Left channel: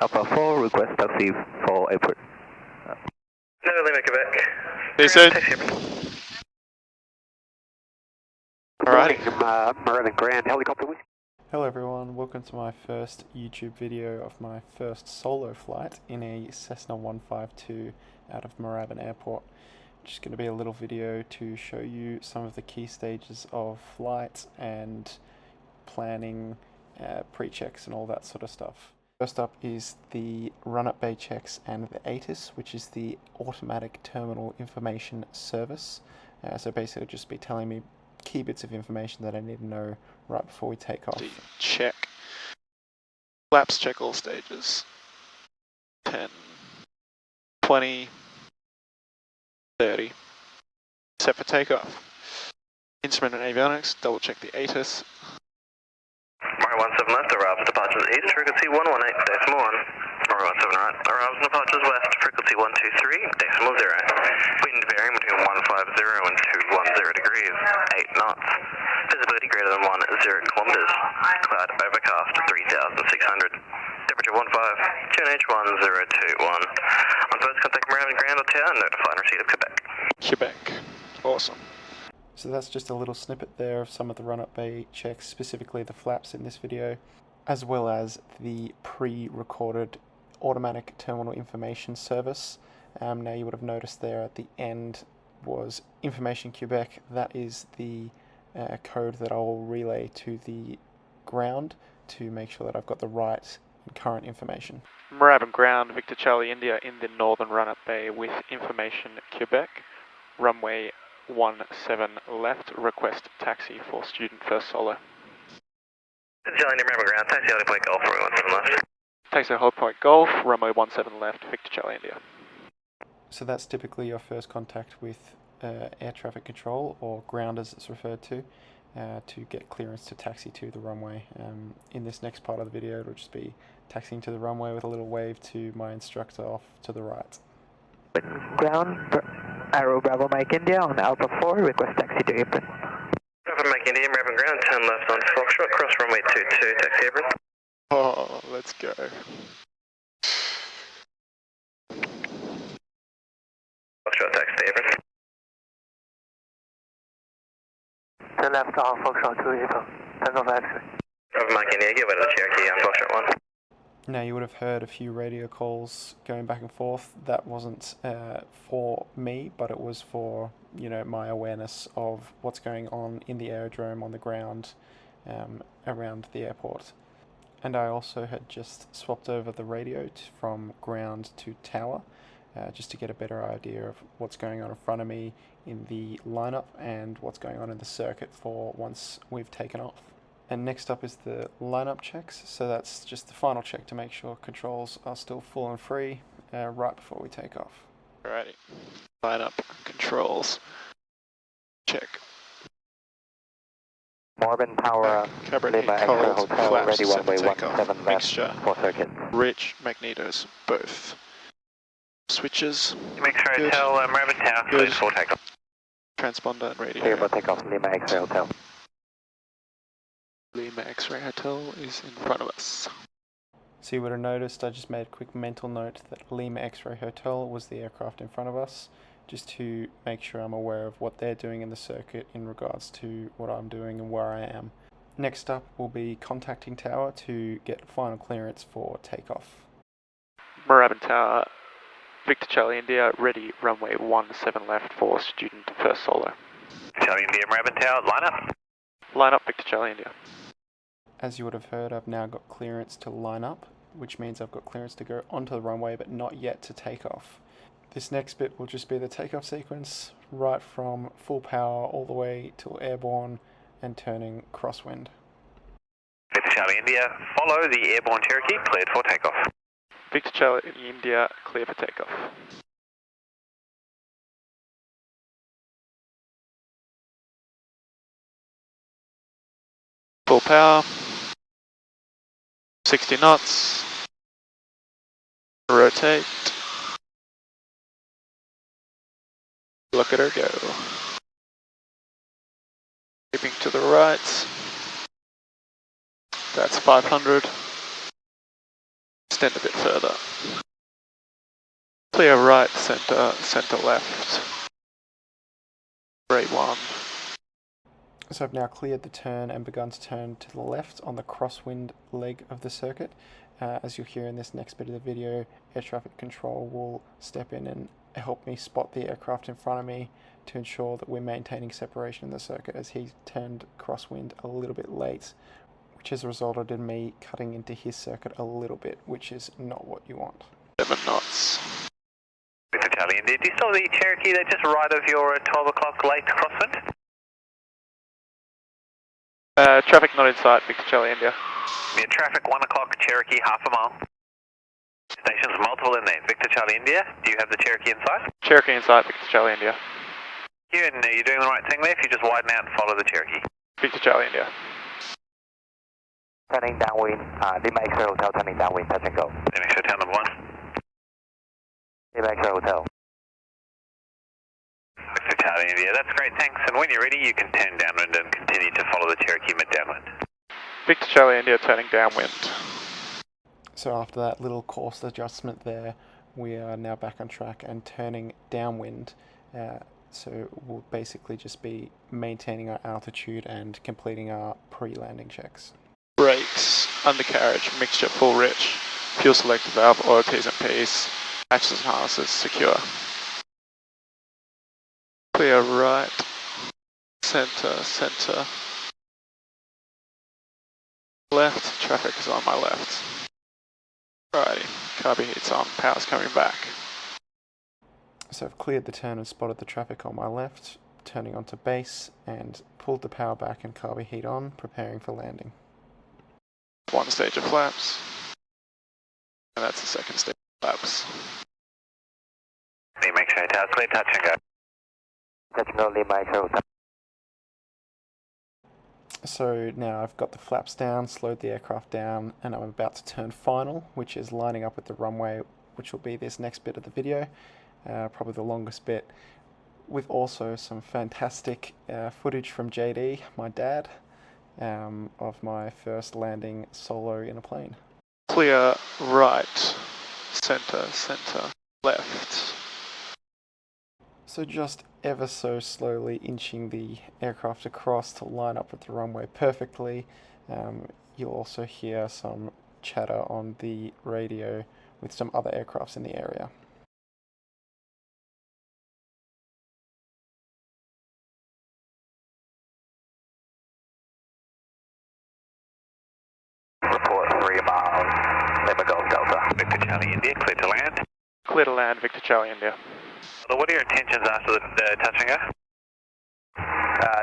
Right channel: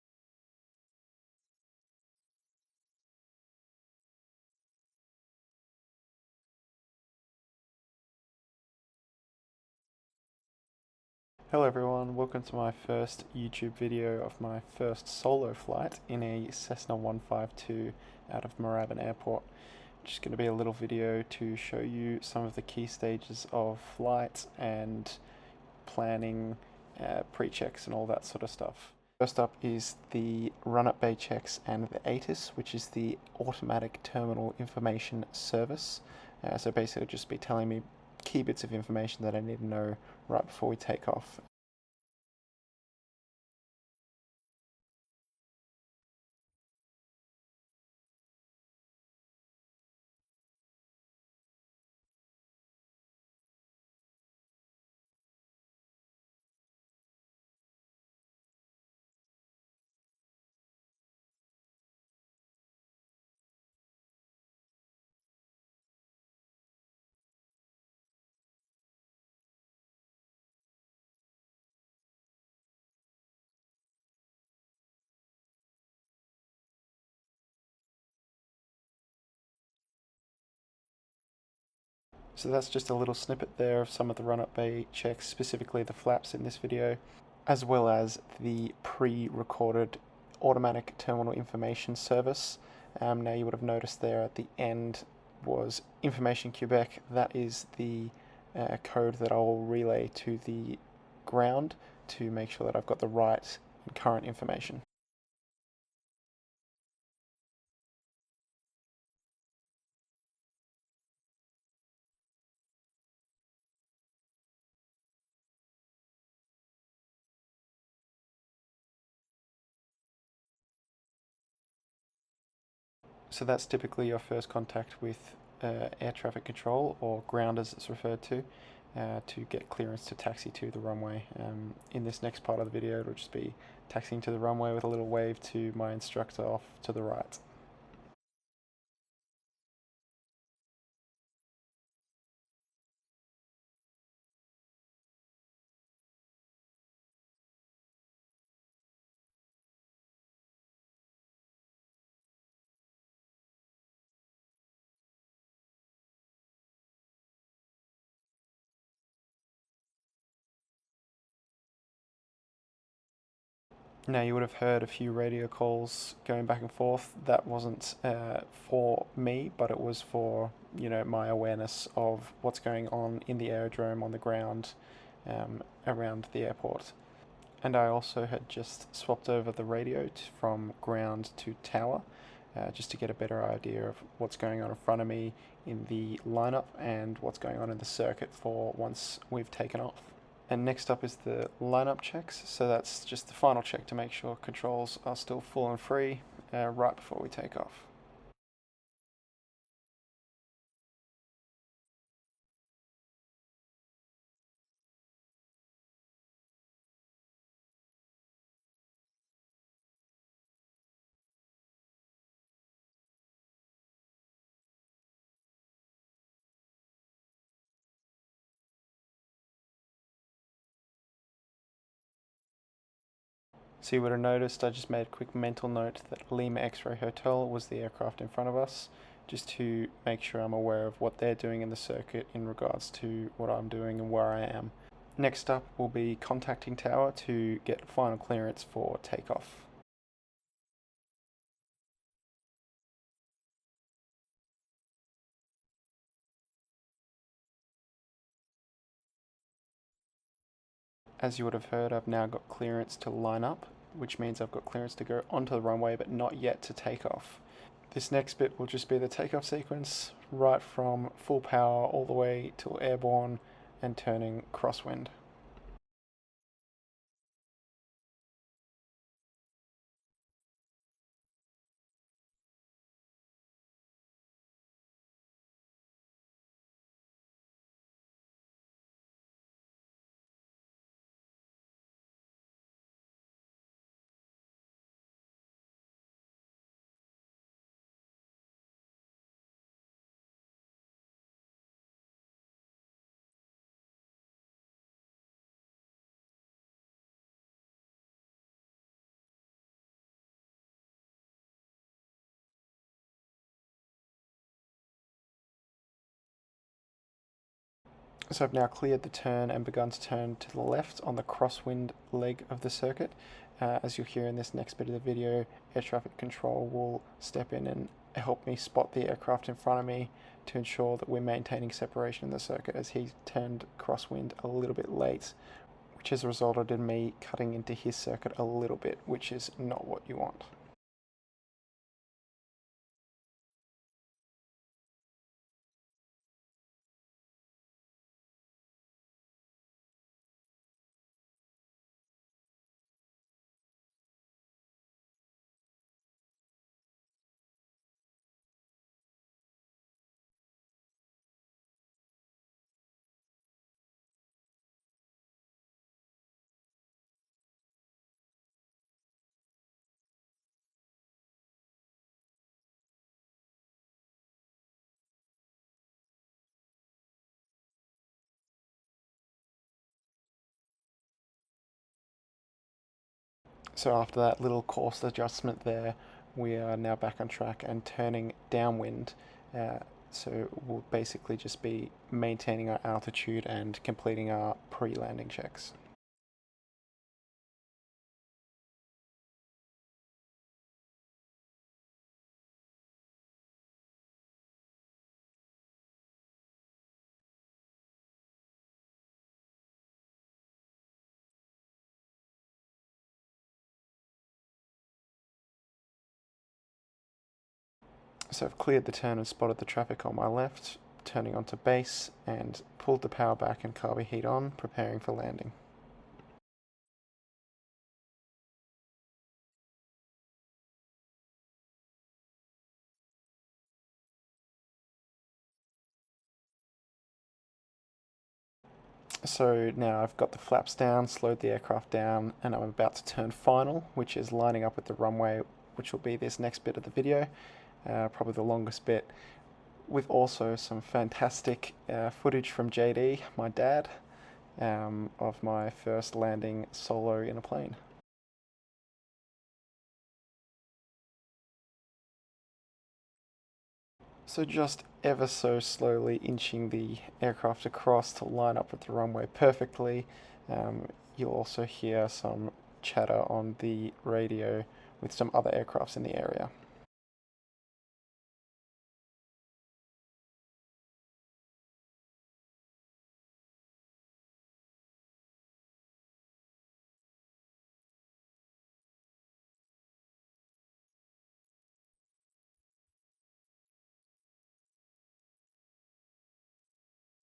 Alpha 4, request taxi for airport. No, Lima, Quebec. They said. Alright. Merlin Grand helicopter. Hello everyone, welcome to my first YouTube video of my first solo flight in a Cessna 152 out of Moorabbin Airport. Just going to be a little video to show you some of the key stages of flight and planning, pre-checks and all that sort of stuff. First up is the run-up bay checks and the ATIS, which is the Automatic Terminal Information Service. So basically it'll just be telling me key bits of information that I need to know right before we take off. Check. Flaps check all stages. 10, 20, 30. Set for takeoff. Instrument and avionics, double check the ATIS. Murray 17 left, arrives departures east, frequency 118.1. Murray 17 right, arrives departures west, frequency 123.0. Wind varying between 150 and 210 degrees, 8 knots. Visibility greater than 10 kilometers. Cloud overcast 3,600. Temperature 15, QNH 1021. On first contact Moorabbin Grand Hotel, notify and receipt of Quebec. Quebec. Awesome. So that's just a little snippet there of some of the run-up bay checks, specifically the flaps in this video, as well as the pre-recorded Automatic Terminal Information Service. Now you would have noticed there at the end was Information Quebec. That is the code that I'll relay to the ground to make sure that I've got the right and current information. Moorabbin Ground, Victor Charlie India in the northern run-up bay with Information Quebec. Runway 17 left, request taxi for student first solo. Charlie India, Moorabbin Ground, taxi Holly Point Golf, runway 17 left. Taxi Holly Point Golf, runway 17 left, Victor Charlie India. So that's typically your first contact with air traffic control, or ground as it's referred to get clearance to taxi to the runway. In this next part of the video it'll just be taxiing to the runway with a little wave to my instructor off to the right. Ground, Arrow Bravo Mike India on Alpha 4, request taxi to apron. Bravo Mike India, Moorabbin Ground, turn left on Foxtrot, cross runway 22, taxi apron. Oh, let's go. Foxtrot, taxi apron. Turn left on Foxtrot to apron. Turn off exit. Bravo Mike India, give way to the Cherokee on Foxtrot 1. Now you would have heard a few radio calls going back and forth. That wasn't for me, but it was for, you know, my awareness of what's going on in the aerodrome, on the ground, around the airport. And I also had just swapped over the radio from ground to tower, just to get a better idea of what's going on in front of me in the lineup and what's going on in the circuit for once we've taken off. And next up is the lineup checks, so that's just the final check to make sure controls are still full and free right before we take off. Alrighty. Lineup controls. Check. Moorabbin Tower, Cabernet Lima Extra Cold, Hotel, flaps ready set for runway takeoff. 17 left Mixture. for circuit. Rich magnetos, both. Switches. X-ray Good. Hotel, Moorabbin Tower, Good. cleared for takeoff. Transponder and radio. Clear for takeoff, Lima X-ray Hotel. Lima X-ray Hotel is in front of us. So you would have noticed I just made a quick mental note that Lima X-ray Hotel was the aircraft in front of us, just to make sure I'm aware of what they're doing in the circuit in regards to what I'm doing and where I am. Next up will be contacting tower to get final clearance for takeoff. Moorabbin Tower, Victor Charlie India, ready, runway 17 left for student first solo. Charlie India, Moorabbin Tower, line up. Line up, Victor Charlie India. As you would have heard, I've now got clearance to line up, which means I've got clearance to go onto the runway but not yet to take off. This next bit will just be the takeoff sequence, right from full power all the way till airborne and turning crosswind. Victor Charlie India, follow the airborne Cherokee, cleared for takeoff. Victor Charlie India, clear for takeoff. Full power. 60 knots. Rotate. Look at her go. Keeping to the right. That's 500. extend a bit further. Clear right, centre, centre left. Rate 1. So I've now cleared the turn and begun to turn to the left on the crosswind leg of the circuit. As you'll hear in this next bit of the video, air traffic control will step in and help me spot the aircraft in front of me to ensure that we're maintaining separation in the circuit, as he turned crosswind a little bit late, which has resulted in me cutting into his circuit a little bit, which is not what you want. 7 knots. Victor Charlie India, do you still the Cherokee there just right of your 12 o'clock late crosswind? Traffic not in sight, Victor Charlie India. Yeah, traffic 1 o'clock Cherokee, half a mile. Stations multiple in there. Victor Charlie India, do you have the Cherokee in sight? Cherokee in sight, Victor Charlie India. You and you're doing the right thing there if you just widen out and follow the Cherokee. Victor Charlie India. Turning downwind, Lima X-ray Hotel, turning downwind, touch and go. Then make sure town number 1. Lima X-ray Hotel. Victor Charlie India, that's great, thanks. And when you're ready, you can turn downwind and continue to follow the Cherokee mid-downwind. Victor Charlie India turning downwind. So after that little course adjustment there, we are now back on track and turning downwind. So we'll basically just be maintaining our altitude and completing our pre-landing checks. Brakes, undercarriage, mixture full rich, fuel selector valve, oil T's and P's, hatches and harnesses secure. Clear right, centre, centre, left, traffic is on my left. Alrighty, carby heat's on, power's coming back. So I've cleared the turn and spotted the traffic on my left, turning onto base and pulled the power back and carby heat on, preparing for landing. 1 stage of flaps, and that's the 2nd stage of flaps. Lima X-ray Hotel, clear, touch and go. Touch and go, Lima X-ray Hotel. So now I've got the flaps down, slowed the aircraft down, and I'm about to turn final, which is lining up with the runway, which will be this next bit of the video, probably the longest bit, with also some fantastic footage from JD, my dad, of my first landing solo in a plane. Clear right, centre, centre, left. So just ever so slowly inching the aircraft across to line up with the runway perfectly. You'll also hear some chatter on the radio with some other aircrafts in the area. Report 3 miles, Lima Golf Delta. Victor Charlie India, clear to land. Clear to land, Victor Charlie India. So what are your intentions after the touch and go?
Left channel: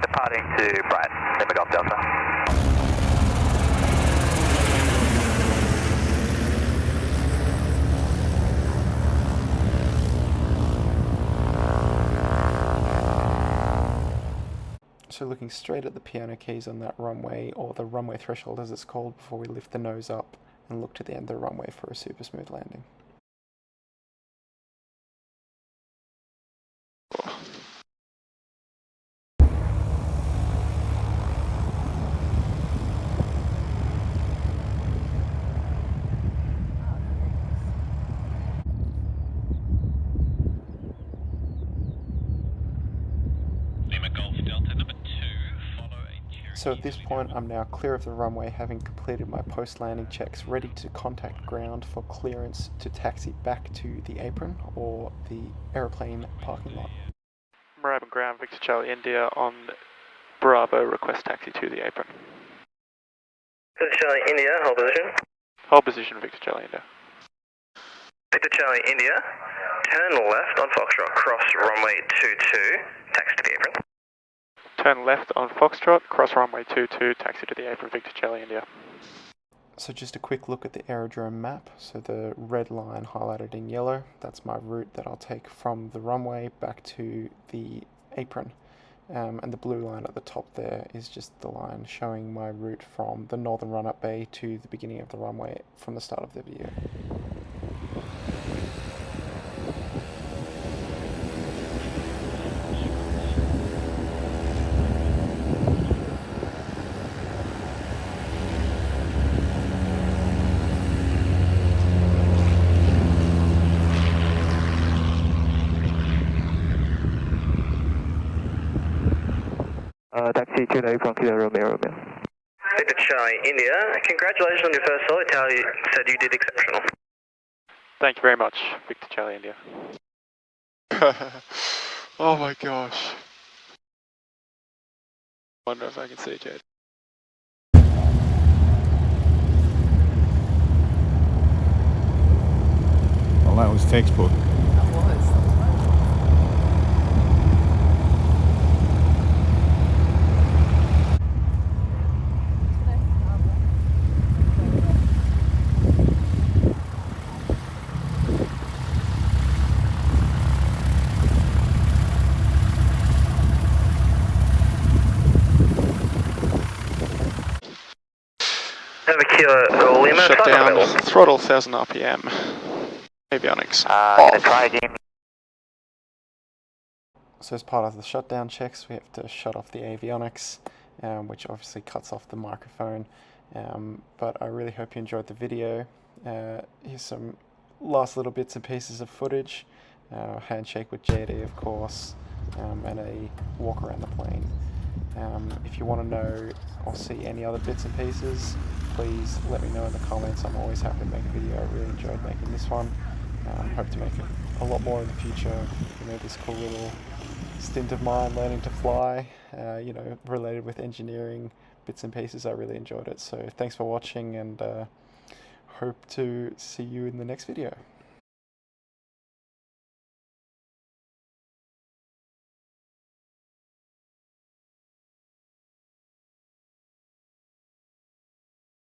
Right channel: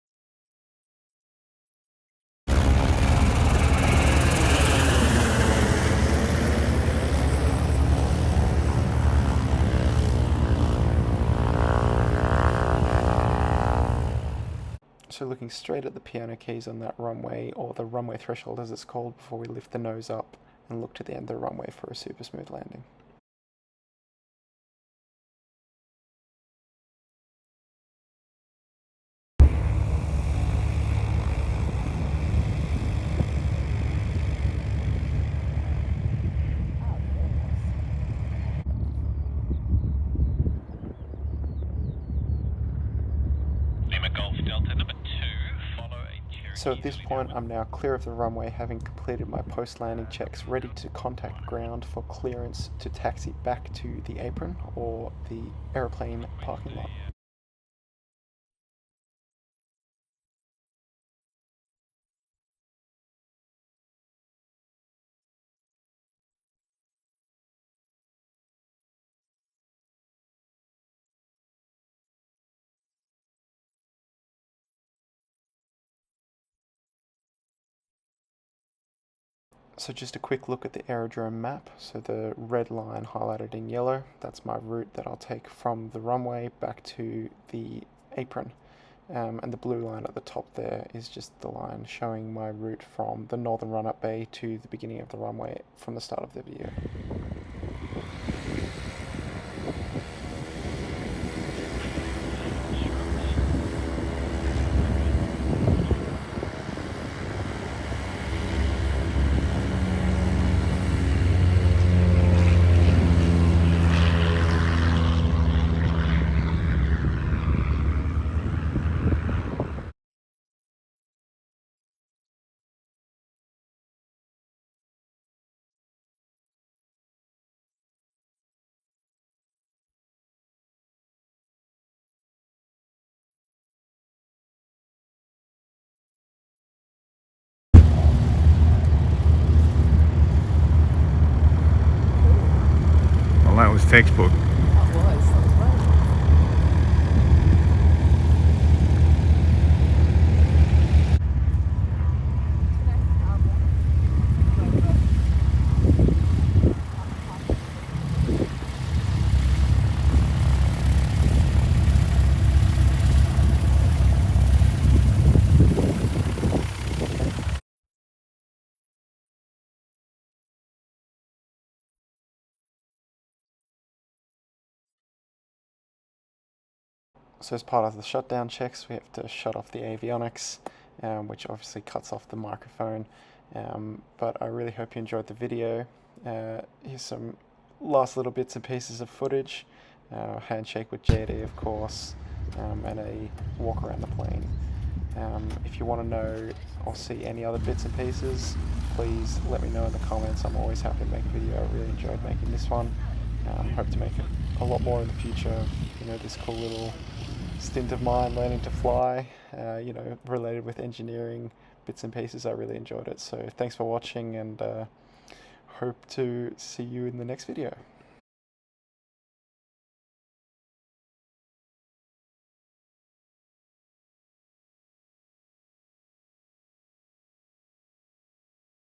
Departing to Bright, Lima Golf Delta. So looking straight at the piano keys on that runway, or the runway threshold as it's called, before we lift the nose up and look to the end of the runway for a super smooth landing. So at this point I'm now clear of the runway, having completed my post-landing checks, ready to contact ground for clearance to taxi back to the apron or the aeroplane parking lot. Moorabbin ground, Victor Charlie India on Bravo, request taxi to the apron. Victor Charlie India, hold position. Hold position, Victor Charlie India. Victor Charlie India, turn left on Foxtrot, cross runway 22, taxi to the apron. Turn left on Foxtrot, cross runway 22, taxi to the apron, Victor Charlie India. So just a quick look at the aerodrome map. So the red line highlighted in yellow, that's my route that I'll take from the runway back to the apron. And the blue line at the top there is just the line showing my route from the northern run-up bay to the beginning of the runway from the start of the video. taxi 29 from Kilo Romeo Romeo. Victor Charlie India, congratulations on your first solid tally. Said you did exceptional. Thank you very much, Victor Charlie India. Oh my gosh. Wonder if I can see Jade. Well, that was textbook. Kilo Lima, Shut down, throttle 1000 RPM. Avionics Gonna try again. So as part of the shutdown checks, we have to shut off the avionics, which obviously cuts off the microphone. But I really hope you enjoyed the video. Here's some last little bits and pieces of footage. Handshake with JD, of course, and a walk around the plane. If you want to know or see any other bits and pieces, please let me know in the comments. I'm always happy to make a video. I really enjoyed making this one. Hope to make it a lot more in the future of, you know, this cool little stint of mine learning to fly, you know, related with engineering bits and pieces. I really enjoyed it. So thanks for watching, and hope to see you in the next video.